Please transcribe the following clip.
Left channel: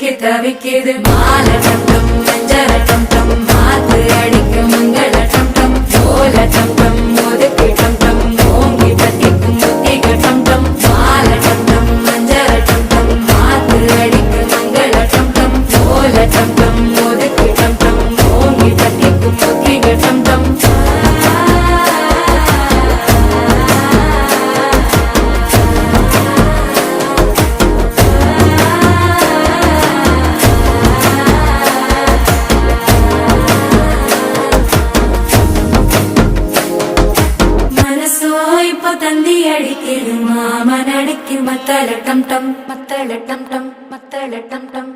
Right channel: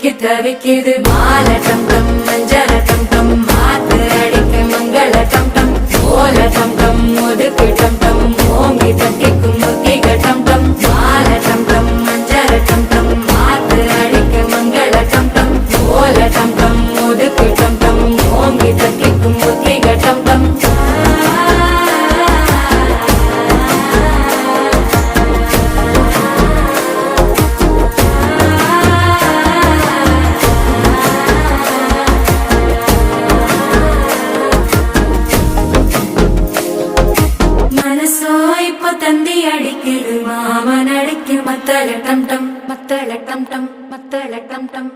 சிக்கி தவிக்குது மாலை டம் டம் மஞ்சள டம் டம் மாத்து அடிக்க மங்கள டம் டம் ஓல டம் டம் ஒதுக்கு டம் டம் ஓங்கி தட்டிக்கும் புத்திக டம் டம் மாலை டம் டம் மஞ்சள டம் டம் மாத்து அடிக்க மங்கள டம் டம் ஓல டம் டம் ஒதுக்கு டம் டம் ஓங்கி தட்டிக்கும் புத்திக டம் டம் தந்தி அடிக்குது மாமன் அடிக்கு மத்தள டம் டம் மத்தள டம் டம் மத்தள டம் டம்